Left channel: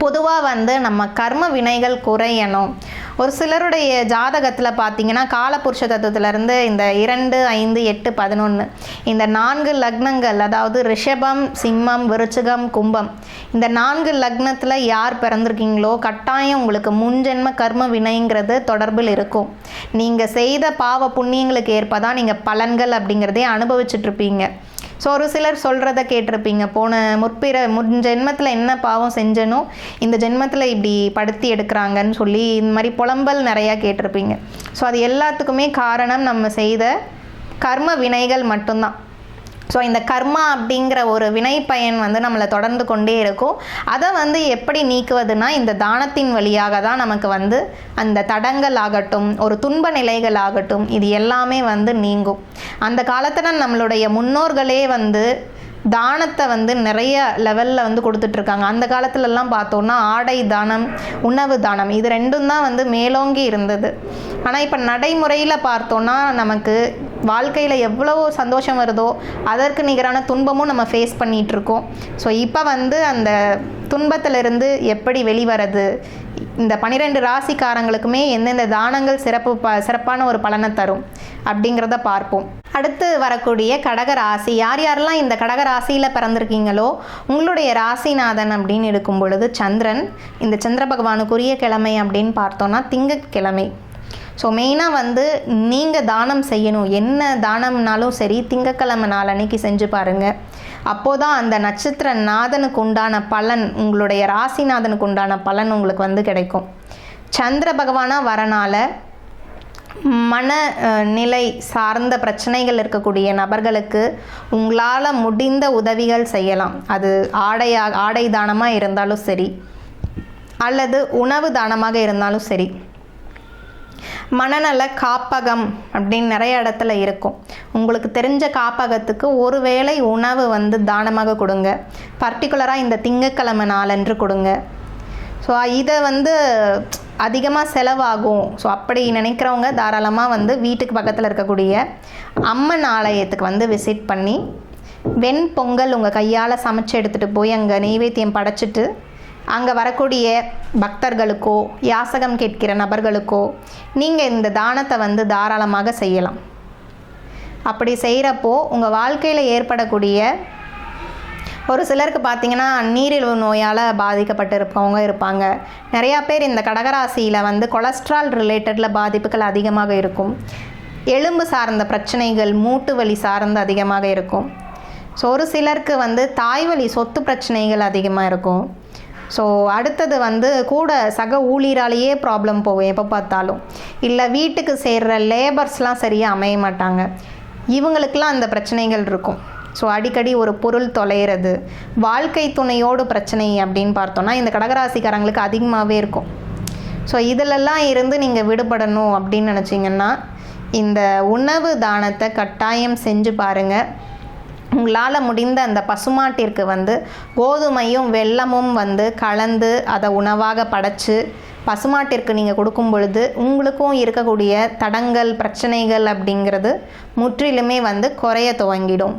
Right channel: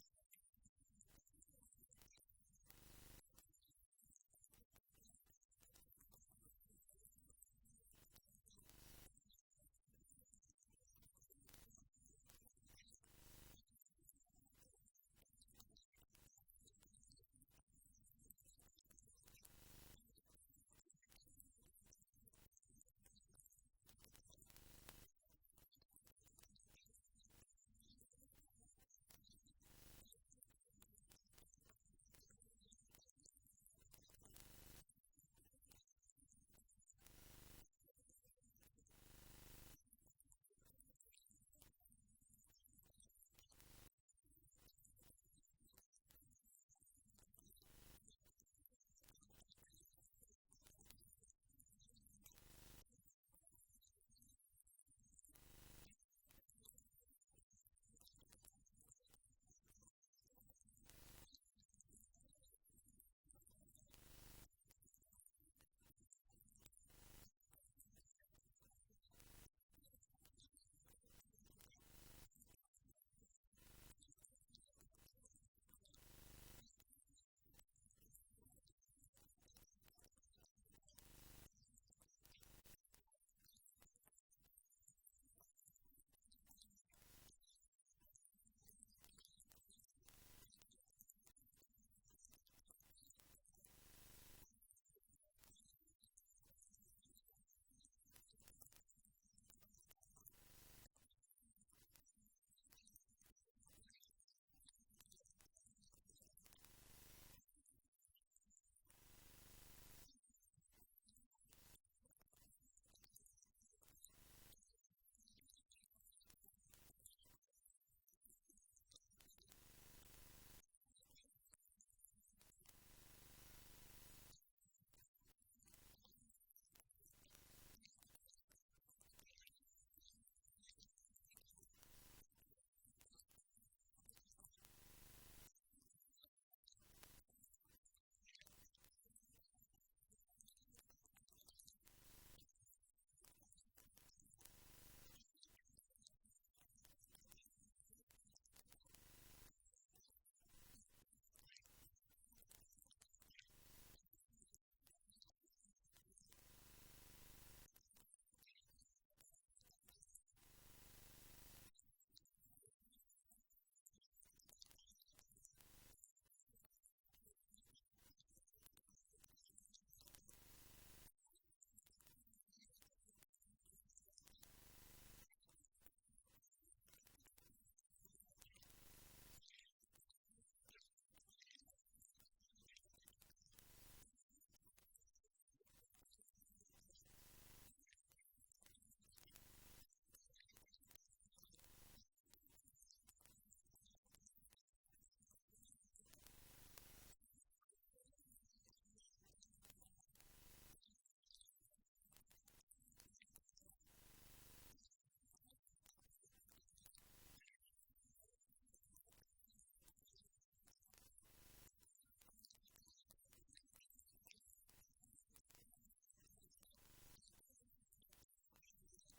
பொதுவாக வந்து நம்ம கர்ம வினைகள் குறையணும். ஒரு சிலருடைய ஜாதகத்தில் பார்த்தீங்கன்னா காலபுருஷ தத்துவத்திலேருந்து இந்த இரண்டு ஐந்து எட்டு பதினொன்று இந்த நான்கு லக்னங்கள் அதாவது ரிஷபம் சிம்மம் விருச்சிகம் கும்பம் இந்த நான்கு லக்னத்தில் யார் பிறந்திருக்கீங்களோ கட்டாயம் உங்களுக்கு முன்ஜென்ம கர்ம வினைங்கிறது தொடர்பில் இருக்கும். நீங்கள் செய்த பாவ புண்ணியங்களுக்கு ஏற்ப தான் நீங்கள் பலன்கள் அப்படிங்கிறதே அனுபவிச்சுட்ருப்பீங்க ஸோ ஒரு சிலர் சொல்கிறத கேட்டிருப்பீங்க. போன முற்பிற முன் ஜென்மத்தில் என்ன பாவம் செஞ்சனோ இந்த ஜென்மத்தில் இப்படி படுத்தி எடுக்கிறாங்கன்னு சொல்லி இந்த மாதிரி புலம்பல் நிறையா கேட்டிருப்பீங்க. ஸோ அது எல்லாத்துக்குமே காரணம் நம்ம செய்த கர்ம வினைகள் மட்டும்தான். ஸோ இந்த கர்மா அப்படிங்கிற ஒரு வினை பயன் வந்து நம்மளை தொடர்ந்து கொண்டே இருக்கும். அதை வந்து எப்படி நீக்குவதுனா இந்த தானத்தின் வழியாக தான் நமக்கு வந்து அந்த தடங்கள் ஆகட்டும் ஒரு துன்ப நிலைகள் ஆகட்டும் இது எல்லாமே வந்து நீங்கும். அந்த காலத்தில் நம்மளுடைய முன்னோர்களே வந்து தானத்தை வந்து நிறைய லெவலில் வந்து கொடுத்துட்ருக்காங்க. அந்த காலத்துலலாம் பார்த்தோன்னா ஆடை தானம் உணவு தானம் இது ரெண்டும் தான் வந்து மேலோங்கி இருந்தது. ஆனால் இப்போ நடைமுறையில் பார்த்தோன்னா நமக்கு வாழ்க்கையில் எவ்வளோ சந்தோஷம் வருதோ அதற்கு நிகரான துன்பமும் நம்ம ஃபேஸ் பண்ணிகிட்ருக்கோம் ஸோ இப்போ வந்து அந்த துன்பத்திலிருந்து எப்படி வெளிவரது? இந்த பனிரெண்டு ராசிக்காரங்களுக்குமே எந்தெந்த தானங்கள் சிறப்பு ப சிறப்பான ஒரு பலனை தரும் அப்படிங்கிறத பார்ப்போம். அடுத்து வரக்கூடிய கடக ராசி யார் யாரெல்லாம் இந்த கடக ராசியில் பிறந்திருக்கீங்களோ உங்களுடைய ராசிநாதன் அப்படின்னு இருக்கும் பொழுது சந்திரன் இந்த சந்திர பகவானுக்குரிய கிழமை அப்படின்னு பார்த்தோன்னா திங்கட்கிழமை. ஸோ மெயினாக வந்து நீங்கள் தானம் செய்யணும். என்ன தானம்னாலும் சரி திங்கக்கிழமை நாள் அன்னைக்கு செஞ்சு பாருங்கள் அப்போதான் அந்த நட்சத்திர நாதனுக்கு உண்டான பலன் உங்களுடைய ராசிநாதனுக்கு உண்டான பலன் உங்களுக்கு வந்து கிடைக்கும். சந்திர பகவானாக வரனால மன நிலை சார்ந்த பிரச்சனைகள் இருக்கக்கூடிய நபர்களுக்கு உங்களால் முடிந்த உதவிகள் செய்யலாம். அது ஆடையா ஆடை தானமாக இருந்தாலும் சரி அல்லது உணவு தானமாக இருந்தாலும் சரி. மனநல காப்பகம் அப்படின்னு நிறைய இடத்துல இருக்கும். உங்களுக்கு தெரிஞ்ச காப்பகத்துக்கு ஒரு வேளை உணவு வந்து தானமாக கொடுங்க. பர்டிகுலராக இந்த திங்கக்கிழமை நாளன்று கொடுங்க. ஸோ இதை வந்து அதிகமாக செலவாகும். ஸோ அப்படி நினைக்கிறவங்க தாராளமாக வந்து வீட்டுக்கு பக்கத்தில் இருக்கக்கூடிய அம்மன் ஆலயத்துக்கு வந்து விசிட் பண்ணி வெண் பொங்கல் உங்கள் கையால் சமைச்சு எடுத்துகிட்டு போய் அங்கே நெய்வேத்தியம் படைச்சிட்டு அங்கே வரக்கூடிய பக்தர்களுக்கோ யாசகம் கேட்கிற நபர்களுக்கோ நீங்கள் இந்த தானத்தை வந்து தாராளமாக செய்யலாம். அப்படி செய்கிறப்போ உங்கள் வாழ்க்கையில் ஏற்படக்கூடிய ஒரு சிலருக்கு பார்த்தீங்கன்னா நீரிழிவு நோயால் பாதிக்கப்பட்டிருப்பவங்க இருப்பாங்க. நிறையா பேர் இந்த கடகராசியில் வந்து கொலஸ்ட்ரால் ரிலேட்டடில் பாதிப்புகள் அதிகமாக இருக்கும். எலும்பு சார்ந்த பிரச்சனைகள் மூட்டு வலி சார்ந்து அதிகமாக இருக்கும். ஸோ ஒரு சிலருக்கு வந்து தாய்வழி சொத்து பிரச்சனைகள் அதிகமாக இருக்கும். ஸோ அடுத்தது வந்து கூட சக ஊழியராலேயே ப்ராப்ளம் போகும் எப்போ பார்த்தாலும். இல்லை வீட்டுக்கு சேர்கிற லேபர்ஸ்லாம் சரியாக அமைய மாட்டாங்க. இவங்களுக்கெல்லாம் அந்த பிரச்சனைகள் இருக்கும். ஸோ அடிக்கடி ஒரு பொருள் தொலைகிறது வாழ்க்கை துணையோடு பிரச்சனை அப்படின்னு பார்த்தோன்னா இந்த கடகராசிக்காரங்களுக்கு அதிகமாகவே இருக்கும். ஸோ இதிலெல்லாம் இருந்து நீங்கள் விடுபடணும் அப்படின்னு நினச்சிங்கன்னா இந்த உணவு தானத்தை கட்டாயம் செஞ்சு பாருங்கள் உங்களால் முடிந்த அந்த பசுமாட்டிற்கு வந்து கோதுமையும் வெல்லமும் வந்து கலந்து அதை உணவாக படைச்சு பசுமாட்டிற்கு நீங்கள் கொடுக்கும் பொழுது உங்களுக்கும் இருக்கக்கூடிய தடங்கள் பிரச்சனைகள் அப்படிங்கிறது முற்றிலுமே வந்து குறைய துவங்கிடும்.